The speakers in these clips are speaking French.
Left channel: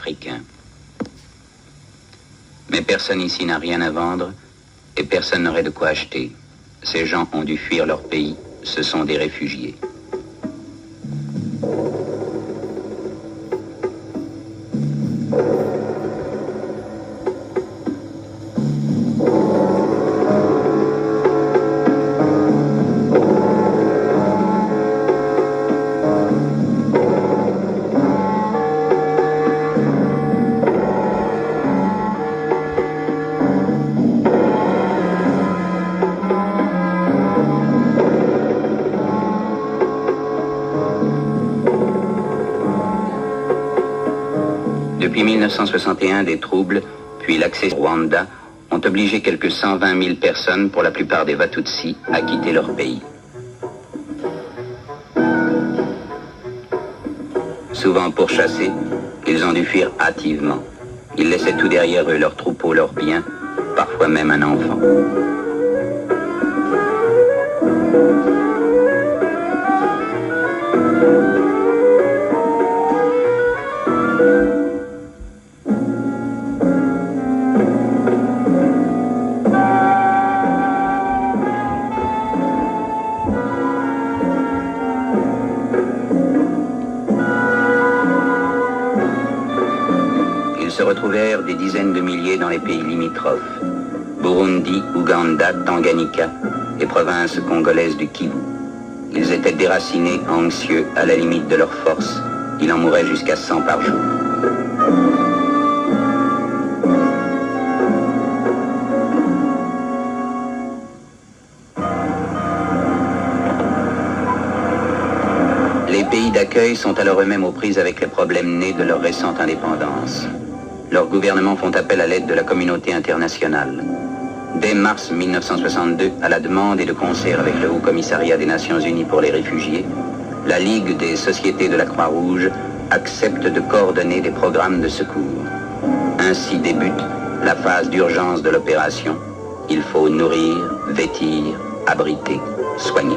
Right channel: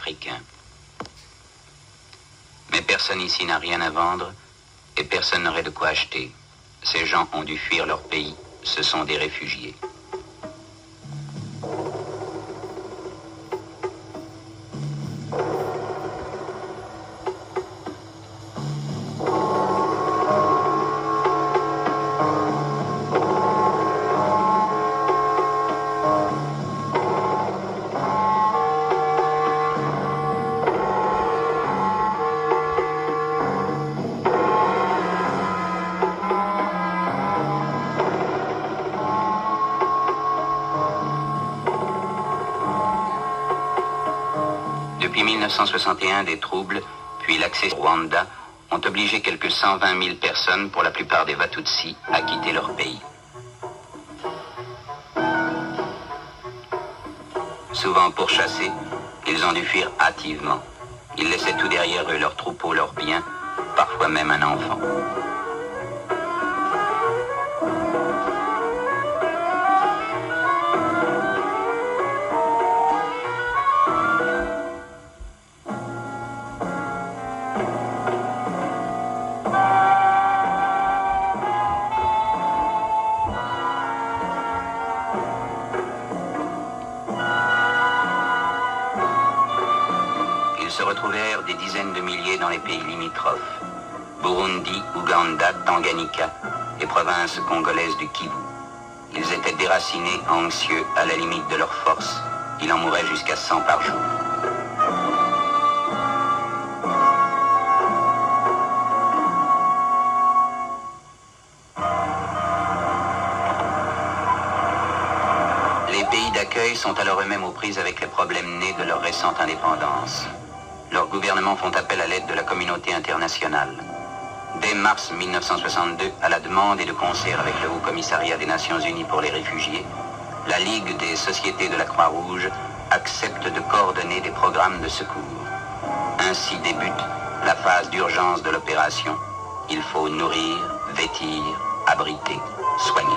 africains. Mais personne ici n'a rien à vendre et personne n'aurait de quoi acheter. Ces gens ont dû fuir leur pays, ce sont des réfugiés. Depuis 1961, des troubles, puis l'accès au Rwanda, ont obligé quelques 120 000 personnes, pour la plupart des Watutsi, à quitter leur pays. Souvent pourchassés, ils ont dû fuir hâtivement. Ils laissaient tout derrière eux, leurs troupeaux, leurs biens, parfois même un enfant. Ils se retrouvèrent des dizaines de milliers dans les pays limitrophes, Burundi, Ouganda, Tanganyika et provinces congolaises du Kivu. Ils étaient déracinés, anxieux, à la limite de leur force. Il en mourait jusqu'à 100 par jour. Les pays d'accueil sont alors eux-mêmes aux prises avec les problèmes nés de leur récente indépendance. Leurs gouvernements font appel à l'aide de la communauté internationale. Dès mars 1962, à la demande et de concert avec le Haut Commissariat des Nations Unies pour les réfugiés, la Ligue des sociétés de la Croix-Rouge accepte de coordonner des programmes de secours. Ainsi débute la phase d'urgence de l'opération. Il faut nourrir, vêtir, abriter, soigner.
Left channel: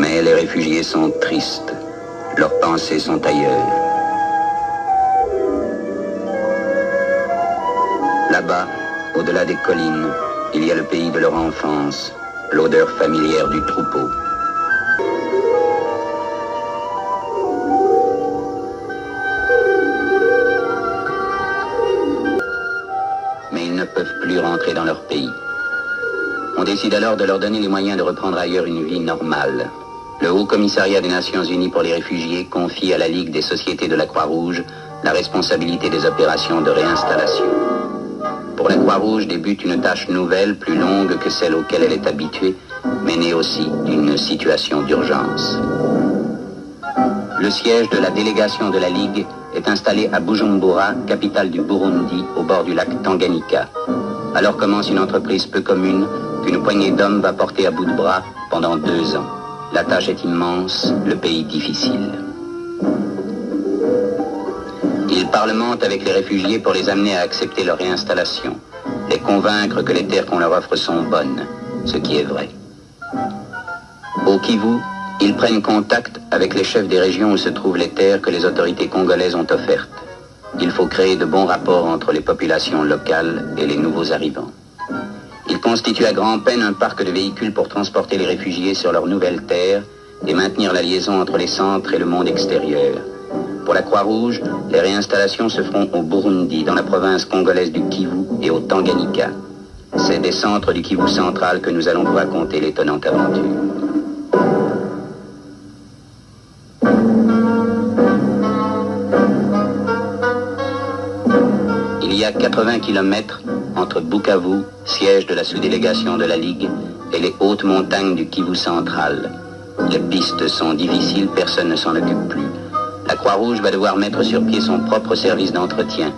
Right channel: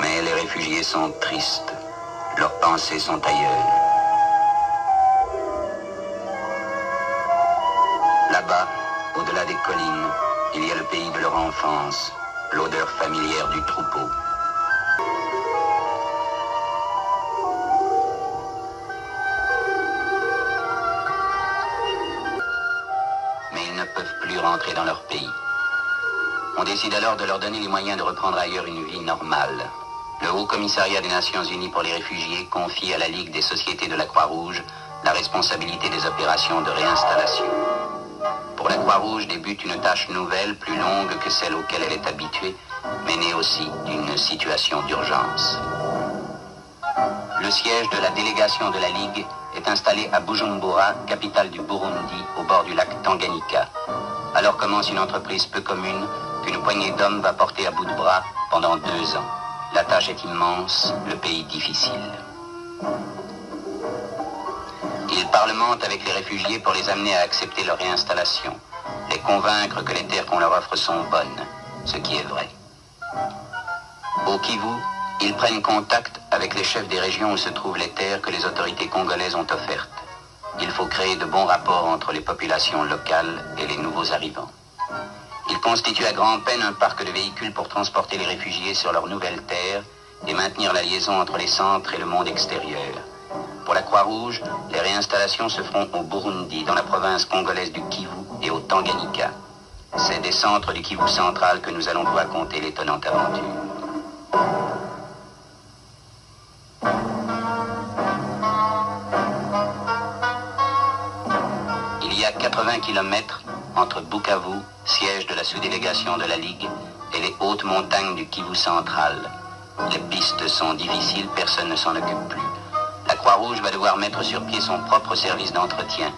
Mais les réfugiés sont tristes. Leurs pensées sont ailleurs. Là-bas, au-delà des collines, il y a le pays de leur enfance, l'odeur familière du troupeau. Mais ils ne peuvent plus rentrer dans leur pays. On décide alors de leur donner les moyens de reprendre ailleurs une vie normale. Le Haut Commissariat des Nations Unies pour les réfugiés confie à la Ligue des sociétés de la Croix-Rouge la responsabilité des opérations de réinstallation. Pour la Croix-Rouge débute une tâche nouvelle, plus longue que celle auquel elle est habituée, mais née aussi d'une situation d'urgence. Le siège de la délégation de la Ligue est installé à Bujumbura, capitale du Burundi, au bord du lac Tanganyika. Alors commence une entreprise peu commune qu'une poignée d'hommes va porter à bout de bras pendant 2 ans. La tâche est immense, le pays difficile. Ils parlementent avec les réfugiés pour les amener à accepter leur réinstallation, les convaincre que les terres qu'on leur offre sont bonnes, ce qui est vrai. Au Kivu, ils prennent contact avec les chefs des régions où se trouvent les terres que les autorités congolaises ont offertes. Il faut créer de bons rapports entre les populations locales et les nouveaux arrivants. Il constitue à grand-peine un parc de véhicules pour transporter les réfugiés sur leurs nouvelles terres et maintenir la liaison entre les centres et le monde extérieur. Pour la Croix-Rouge, les réinstallations se feront au Burundi, dans la province congolaise du Kivu et au Tanganyika. C'est des centres du Kivu central que nous allons vous raconter l'étonnante aventure. Il y a 80 km entre Bukavu, siège de la sous-délégation de la Ligue, et les hautes montagnes du Kivu central. Les pistes sont difficiles, personne ne s'en occupe plus. La Croix-Rouge va devoir mettre sur pied son propre service d'entretien.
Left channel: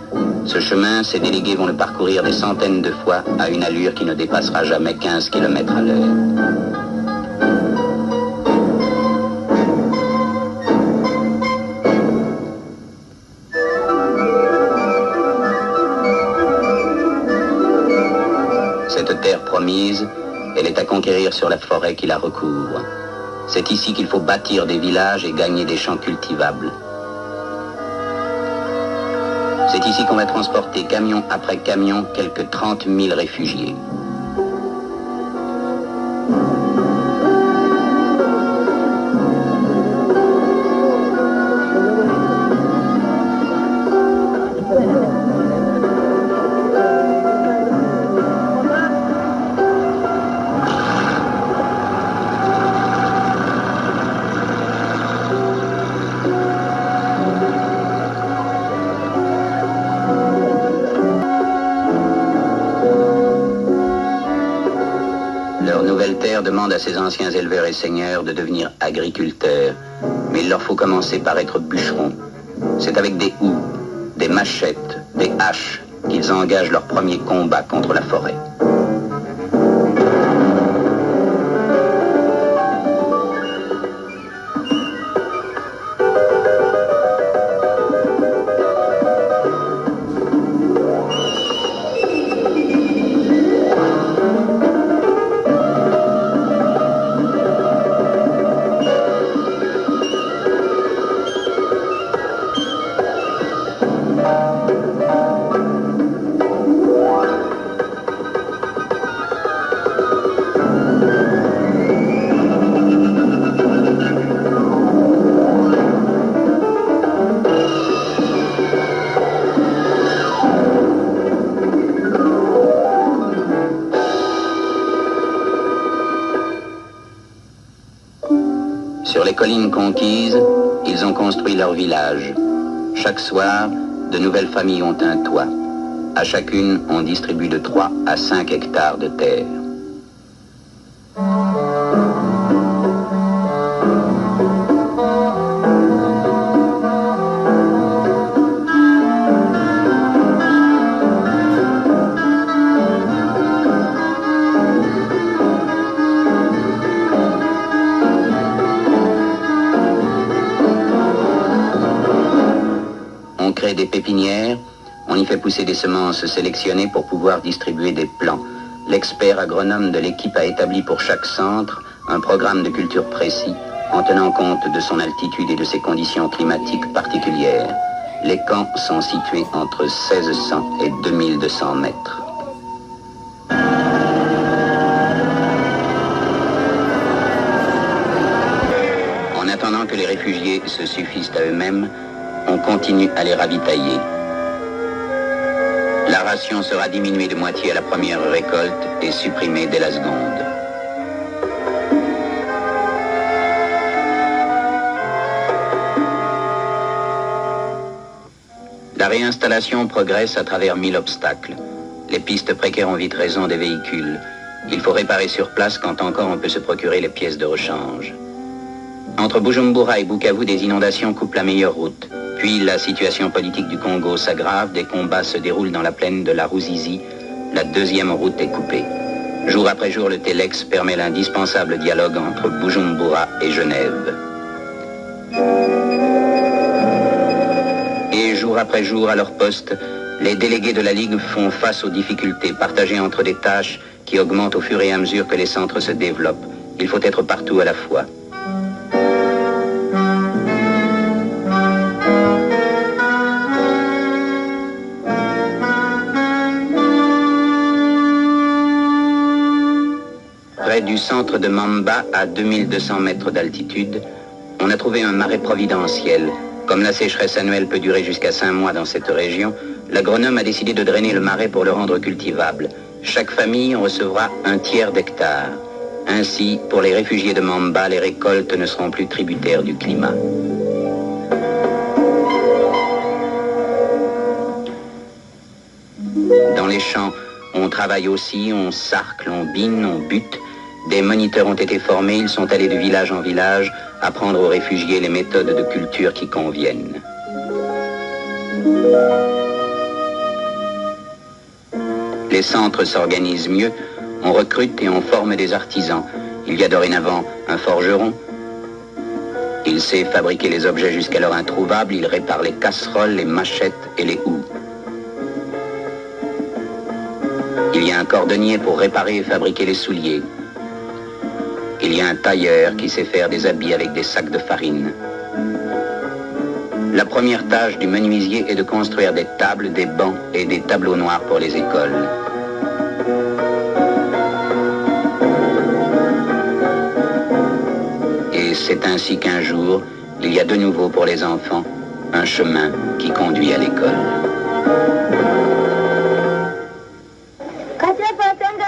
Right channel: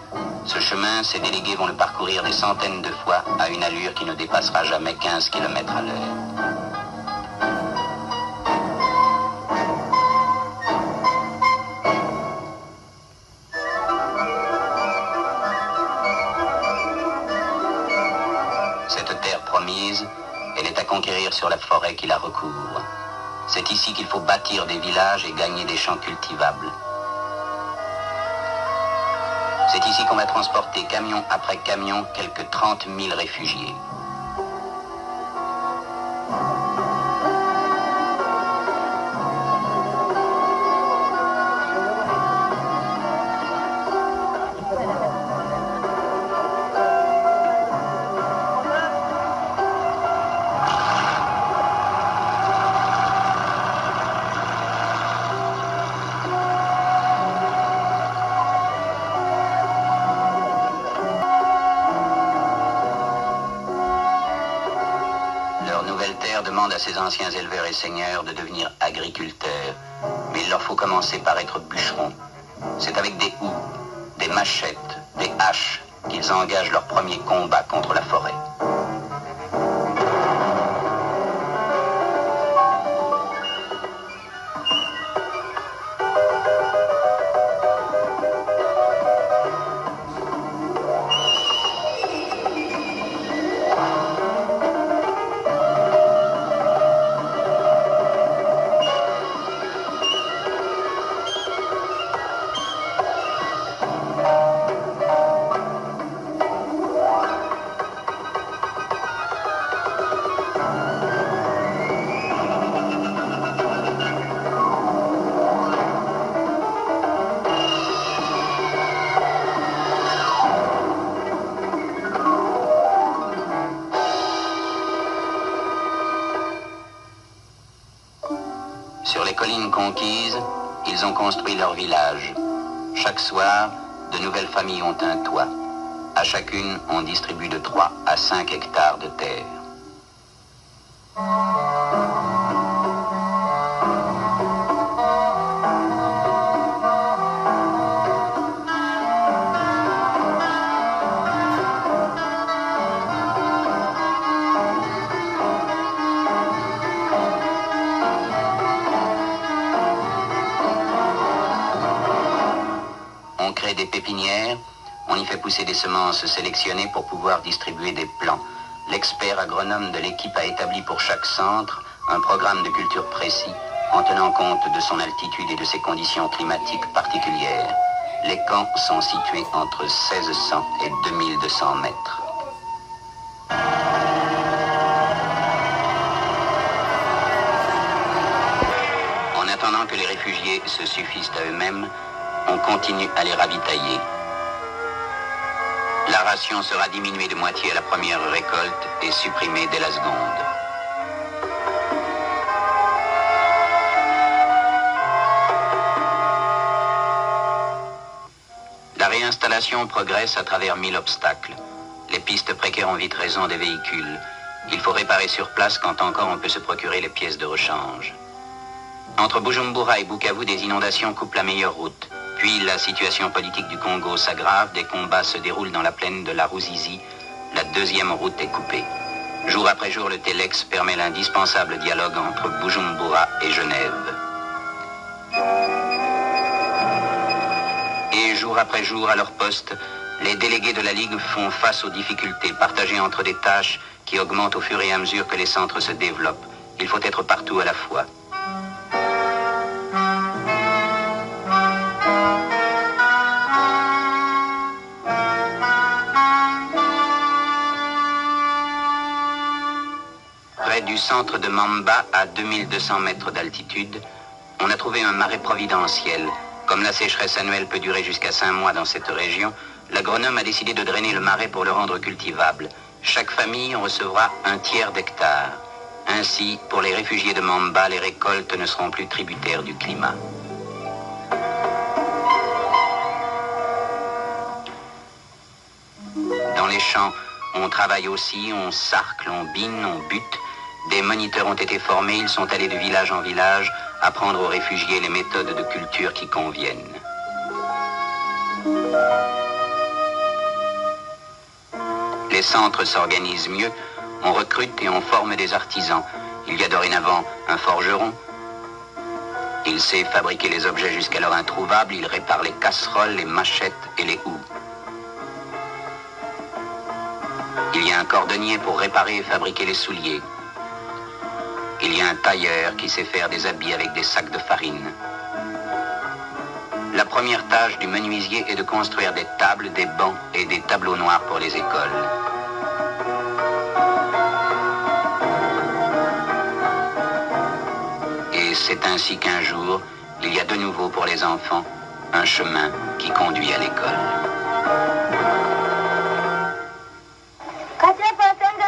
Ce chemin, ses délégués vont le parcourir des centaines de fois à une allure qui ne dépassera jamais 15 km à l'heure. promise, elle est à conquérir sur la forêt qui la recouvre. C'est ici qu'il faut bâtir des villages et gagner des champs cultivables. C'est ici qu'on va transporter camion après camion quelques 30 000 réfugiés. Demande à ces anciens éleveurs et seigneurs de devenir agriculteurs. Mais il leur faut commencer par être bûcherons. C'est avec des houes, des machettes, des haches qu'ils engagent leur premier combat contre la forêt. Sur les collines conquises, ils ont construit leur village. Chaque soir, de nouvelles familles ont un toit. À chacune, on distribue de 3 à 5 hectares de terre. Des pépinières, on y fait pousser des semences sélectionnées pour pouvoir distribuer des plants. L'expert agronome de l'équipe a établi pour chaque centre un programme de culture précis en tenant compte de son altitude et de ses conditions climatiques particulières. Les camps sont situés entre 1600 et 2200 mètres. En attendant que les réfugiés se suffisent à eux-mêmes, on continue à les ravitailler. La ration sera diminuée de moitié à la première récolte et supprimée dès la seconde. La réinstallation progresse à travers 1000 obstacles. Les pistes précaires ont vite raison des véhicules. Il faut réparer sur place quand encore on peut se procurer les pièces de rechange. Entre Bujumbura et Bukavu, des inondations coupent la meilleure route. Puis la situation politique du Congo s'aggrave, des combats se déroulent dans la plaine de la Ruzizi, la deuxième route est coupée. Jour après jour, le Telex permet l'indispensable dialogue entre Bujumbura et Genève. Et jour après jour, à leur poste, les délégués de la Ligue font face aux difficultés, partagées entre des tâches qui augmentent au fur et à mesure que les centres se développent. Il faut être partout à la fois. Près du centre de Mamba, à 2200 mètres d'altitude, on a trouvé un marais providentiel. Comme la sécheresse annuelle peut durer jusqu'à 5 mois dans cette région, l'agronome a décidé de drainer le marais pour le rendre cultivable. Chaque famille recevra un tiers d'hectare. Ainsi, pour les réfugiés de Mamba, les récoltes ne seront plus tributaires du climat. Dans les champs, on travaille aussi, on sarcle, on bine, on bute. Des moniteurs ont été formés, ils sont allés de village en village apprendre aux réfugiés les méthodes de culture qui conviennent. Les centres s'organisent mieux, on recrute et on forme des artisans. Il y a dorénavant un forgeron. Il sait fabriquer les objets jusqu'alors introuvables, il répare les casseroles, les machettes et les houes. Il Il y a un cordonnier pour réparer et fabriquer les souliers. Il y a un tailleur qui sait faire des habits avec des sacs de farine. La première tâche du menuisier est de construire des tables, des bancs et des tableaux noirs pour les écoles. Et c'est ainsi qu'un jour, il y a de nouveau pour les enfants un chemin qui conduit à l'école.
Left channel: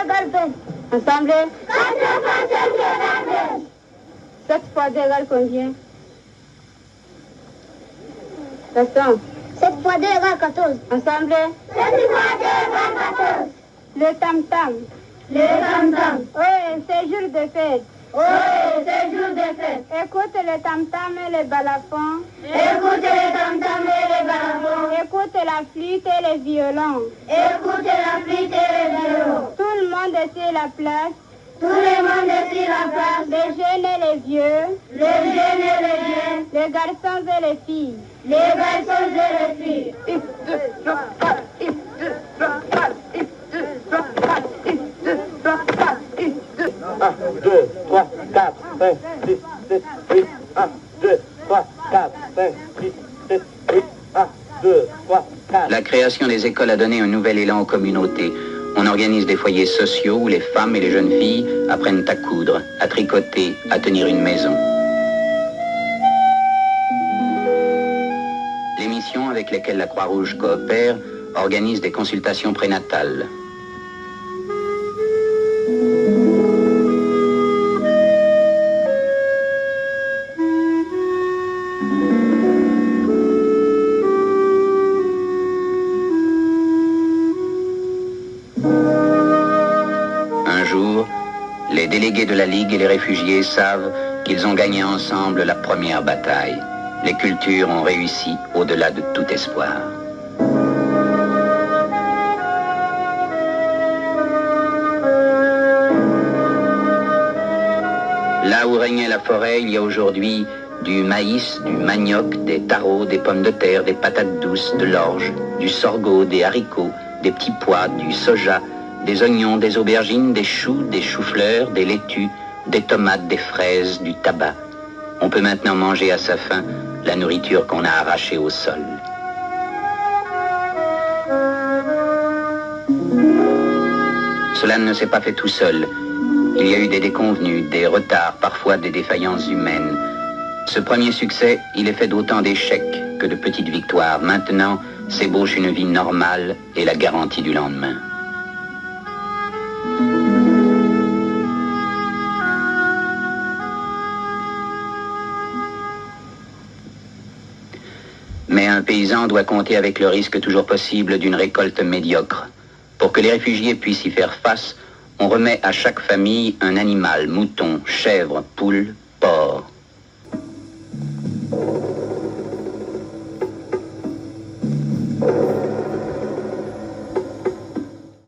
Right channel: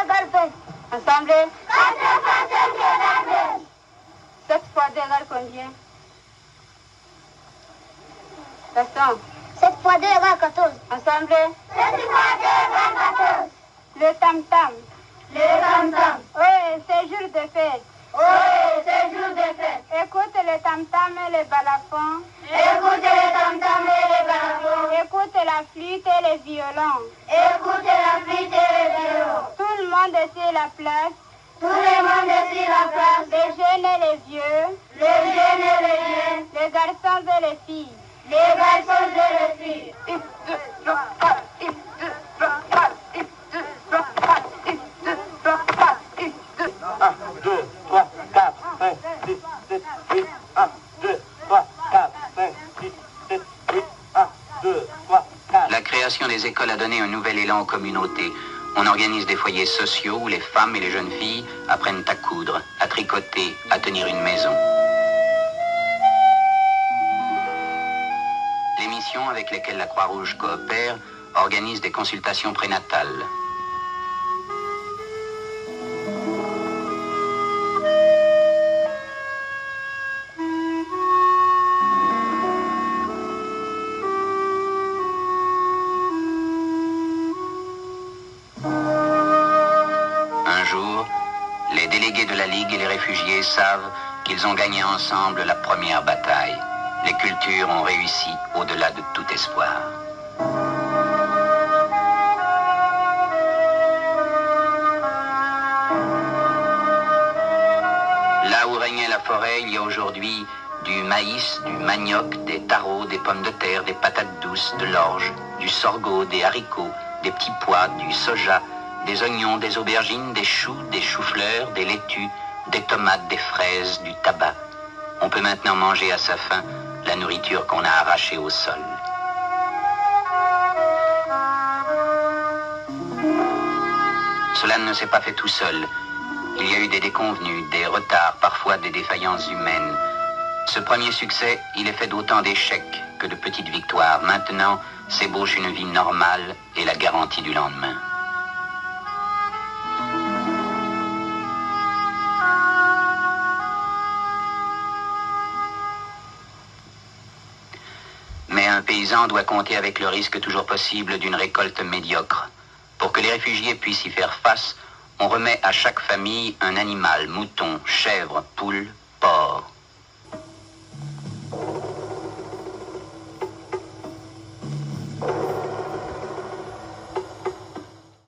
4% ensemble. 4% 7 fois 2 égale combien? Gaston. 7 fois 2 égale 14. Ensemble. 7 fois 2 égale 14. Le tam-tam. Le tam-tam. Oui, c'est jour de fête. Oui, c'est jour de fête. Écoute le tam-tam et le balafon. Écoute le tam-tam et le balafon. Écoute la flûte et les violons. Écoute la flûte et les violons. Tout le monde est sur la place. Tout le monde est sur la place. Les jeunes et les vieux. Les jeunes et les vieux. Les garçons et les filles. Les garçons et les filles. 1, 2, 3, 4, 5, 6, 7, 8. 1, 2, 3, 4, 5, 6, 7, 8. 1, 2, 3, 4. La création des écoles a donné un nouvel élan aux communautés. On organise des foyers sociaux où les femmes et les jeunes filles apprennent à coudre, à tricoter, à tenir une maison. Les missions avec lesquelles la Croix-Rouge coopère organisent des consultations prénatales. Un jour, les délégués de la Ligue et les réfugiés savent qu'ils ont gagné ensemble la première bataille. Les cultures ont réussi au-delà de tout espoir. Là où régnait la forêt, il y a aujourd'hui du maïs, du manioc, des taros, des pommes de terre, des patates douces, de l'orge, du sorgho, des haricots, des petits pois, du soja, des oignons, des aubergines, des choux, des choux-fleurs, des laitues, des tomates, des fraises, du tabac. On peut maintenant manger à sa faim la nourriture qu'on a arrachée au sol. Cela ne s'est pas fait tout seul. Il y a eu des déconvenues, des retards, parfois des défaillances humaines. Ce premier succès, il est fait d'autant d'échecs que de petites victoires. Maintenant, s'ébauche une vie normale et la garantie du lendemain. Mais un paysan doit compter avec le risque toujours possible d'une récolte médiocre. Pour que les réfugiés puissent y faire face, on remet à chaque famille un animal, mouton, chèvre, poule,